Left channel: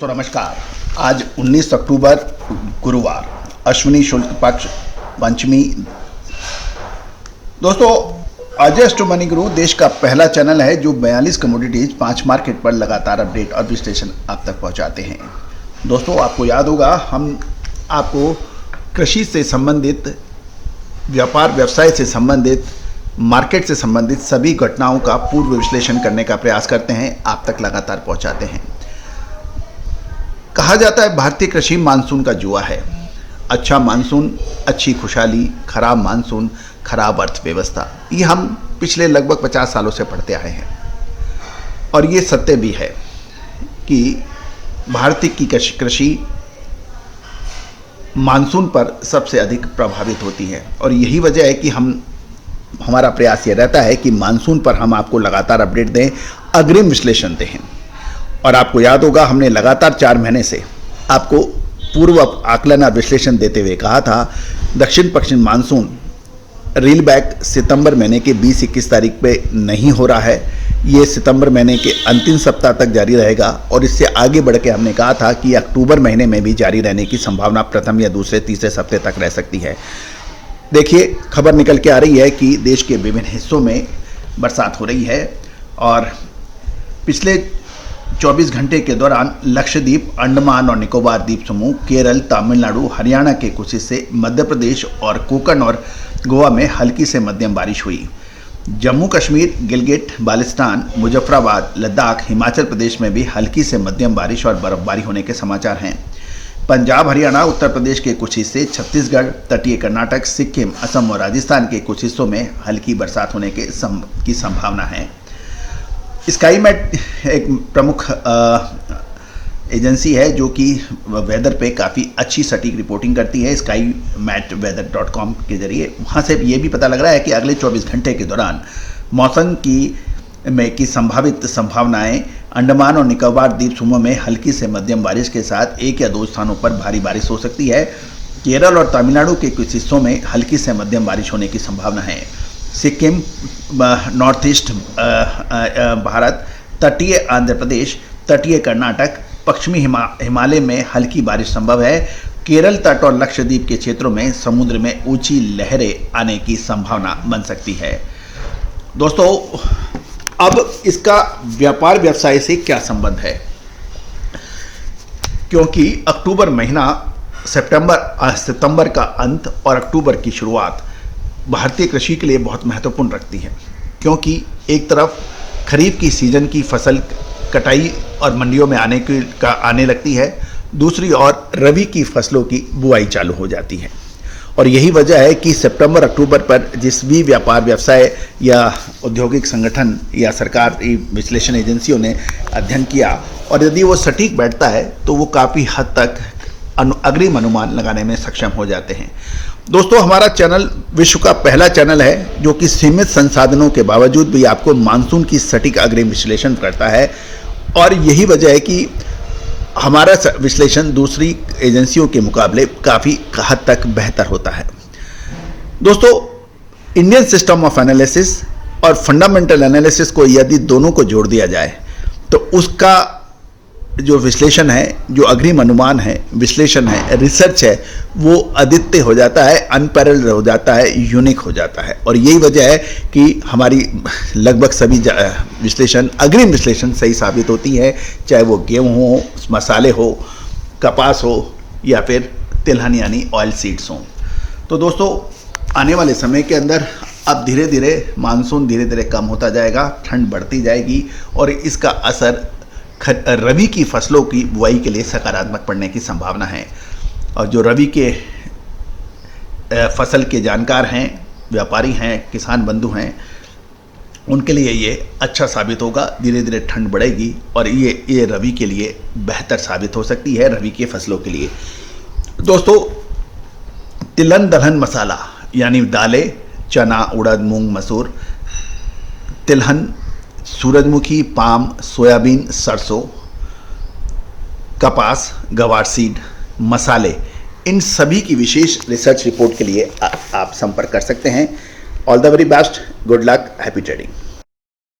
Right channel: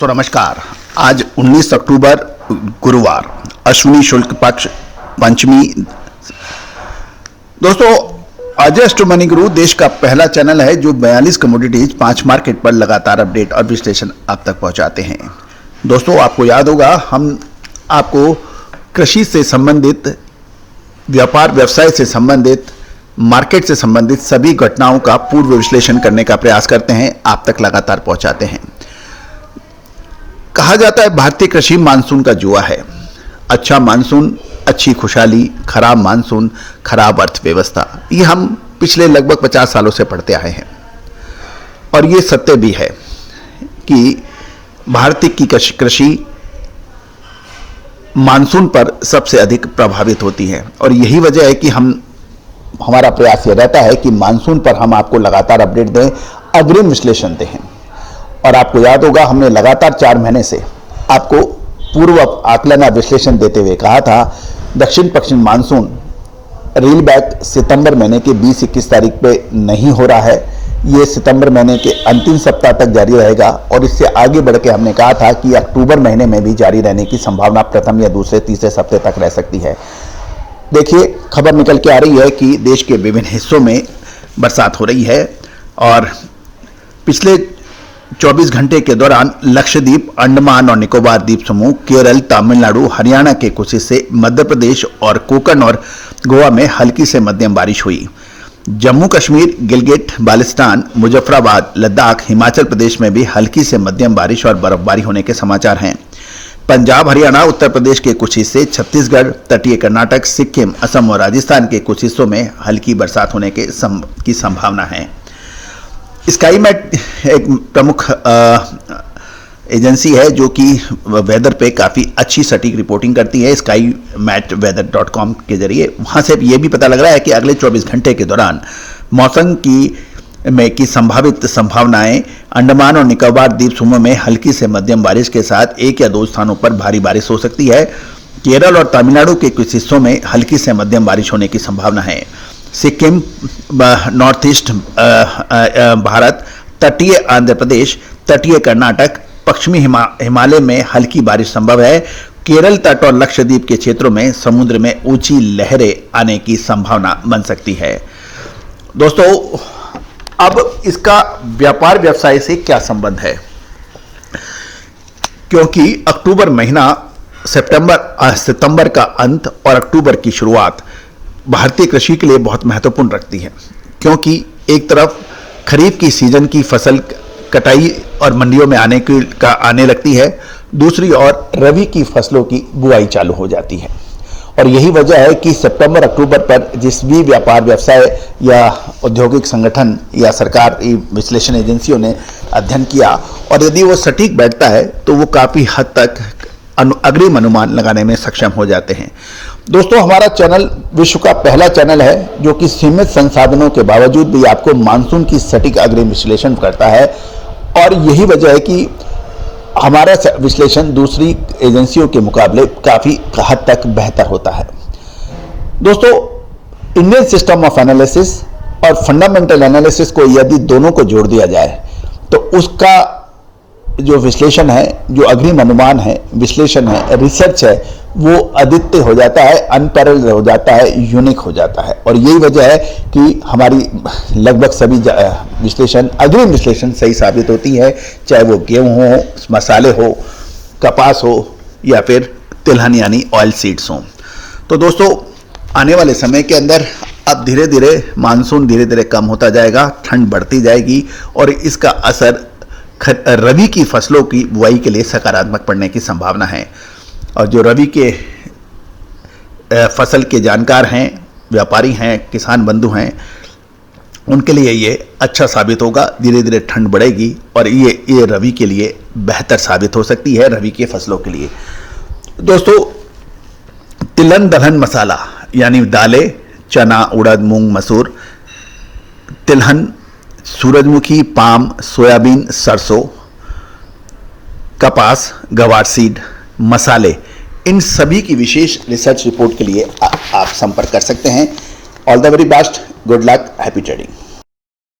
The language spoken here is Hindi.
दोस्तों नमस्कार। आज 19 अक्टूबर गुरुवार, अश्विनी शुक्ल पक्ष पंचमी। दोस्तों अजय स्टॉक मनी गुरु देश का पहला चैनल है जो 42 कमोडिटीज 5 मार्केट पर लगातार अपडेट और विश्लेषण आप तक पहुंचाते हैं। दोस्तों आपको याद होगा हम आपको कृषि से संबंधित, व्यापार व्यवसाय से संबंधित, मार्केट से संबंधित सभी घटनाओं का पूर्व विश्लेषण करने का प्रयास करते हैं, आप तक लगातार पहुंचाते हैं। कहा जाता है भारतीय कृषि मानसून का जुआ है। अच्छा मानसून अच्छी खुशहाली, खराब मानसून खराब अर्थव्यवस्था। ये हम पिछले लगभग 50 सालों से पढ़ते आए हैं और ये सत्य भी है कि भारतीय की कृषि मानसून पर सबसे अधिक प्रभावित होती है और यही वजह है कि हमारा प्रयास यह रहता है कि मानसून पर हम आपको लगातार अपडेट दें, अग्रिम विश्लेषण दें। और आपको याद होगा हमने लगातार 4 महीने से आपको पूर्व आकलन और विश्लेषण देते हुए कहा था दक्षिण पश्चिम मानसून रील बैक सितंबर महीने के 20-21 तारीख पे नहीं हो रहा है। ये सितंबर महीने के अंतिम सप्ताह तक जारी रहेगा और इससे आगे बढ़ के हमने कहा था कि अक्टूबर महीने में भी जारी रहने की संभावना प्रथम या दूसरे तीसरे सप्ताह तक रह सकती है। देखिए खबर निकल के आ रही है कि देश के विभिन्न हिस्सों में बरसात हो रही है और पिछले 24 घंटे के दौरान लक्षद्वीप, अंडमान और निकोबार द्वीप समूह, केरल, तमिलनाडु, हरियाणा के कुछ हिस्से, मध्य प्रदेश और कोंकण और गोवा में हल्की से मध्यम बारिश हुई। जम्मू कश्मीर, गिलगिट, बाल्टिस्तान, मुजफ्फराबाद, लद्दाख, हिमाचल प्रदेश में भी हल्की से मध्यम बारिश और बर्फबारी होने के समाचार हैं। पंजाब, हरियाणा, उत्तर प्रदेश के कुछ हिस्से, छत्तीसगढ़, तटीय कर्नाटक, सिक्किम, असम और राजस्थान के कुछ हिस्सों में हल्की बरसात होने की संभावना है। स्काईमेट एक प्रमुख एजेंसी है जो कि वेदर पे काफ़ी अच्छी सटीक रिपोर्टिंग करती है। skymatweather.com के जरिए वहाँ से ये भी पता लग रहा है कि अगले 24 घंटे के दौरान मौसम की संभावित संभावनाएं अंडमान और निकोबार द्वीप समूह में हल्की से मध्यम बारिश के साथ 1 या 2 स्थानों पर भारी बारिश हो सकती है। केरल और तमिलनाडु के कुछ हिस्सों में हल्की से मध्यम बारिश होने की संभावना है। सिक्किम, नॉर्थ ईस्ट भारत, तटीय आंध्र प्रदेश, तटीय कर्नाटक, पश्चिमी हिमालय में हल्की बारिश संभव है। केरल तट और लक्षद्वीप के क्षेत्रों में समुद्र में ऊंची लहरें आने की संभावना बन सकती है। दोस्तों अब इसका व्यापार व्यवसाय से क्या संबंध है, क्योंकि अक्टूबर महीना, सितंबर का अंत और अक्टूबर की शुरुआत भारतीय कृषि के लिए बहुत महत्वपूर्ण रखती है, क्योंकि एक तरफ खरीफ की सीजन की फसल कटाई और मंडियों में आने लगती है, दूसरी ओर रबी की फसलों की बुआई चालू हो जाती है। और यही वजह है कि सितंबर अक्टूबर पर जिस भी व्यापार व्यवसाय या औद्योगिक संगठन या सरकार विश्लेषण एजेंसियों ने अध्ययन किया और यदि वो सटीक बैठता है तो वो काफ़ी हद तक अग्रिम अनुमान लगाने में सक्षम हो जाते हैं। दोस्तों हमारा चैनल विश्व का पहला चैनल है जो कि सीमित संसाधनों के बावजूद भी आपको मानसून की सटीक अग्रिम विश्लेषण करता है और यही वजह है कि हमारा विश्लेषण दूसरी एजेंसियों के मुकाबले काफ़ी हद तक बेहतर होता है। दोस्तों इंडियन सिस्टम ऑफ एनालिसिस और फंडामेंटल एनालिसिस को यदि दोनों को जोड़ दिया जाए तो उसका जो विश्लेषण है, जो अग्रिम अनुमान है, विश्लेषण है, रिसर्च है, वो अद्वितीय हो जाता है, अनपैरेलल हो जाता है, यूनिक हो जाता है। और यही वजह है कि हमारी लगभग सभी विश्लेषण, अग्रिम विश्लेषण सही साबित होती है, चाहे वो गेहूँ हो, मसाले हो, कपास हो या फिर तिलहन यानी ऑयल सीड्स हों। तो दोस्तों आने वाले समय के अंदर अब धीरे धीरे मानसून धीरे धीरे कम होता जाएगा, ठंड बढ़ती जाएगी और इसका असर रबी की फसलों की बुआई के लिए सकारात्मक पड़ने की संभावना है। और जो रबी के फसल के जानकार हैं, व्यापारी हैं, किसान बंधु हैं, उनके लिए ये अच्छा साबित होगा। धीरे धीरे ठंड बढ़ेगी और ये रबी के लिए बेहतर साबित हो सकती है, रबी के फसलों के लिए। दोस्तों तिलहन दलहन मसाला यानी दालें, चना, उड़द, मूंग, मसूर, तिलहन, सूरजमुखी, पाम, सोयाबीन, सरसों, कपास, गवार सीड, मसाले, इन सभी की विशेष रिसर्च रिपोर्ट के लिए आप संपर्क कर सकते हैं। All the very best, good luck, happy trading.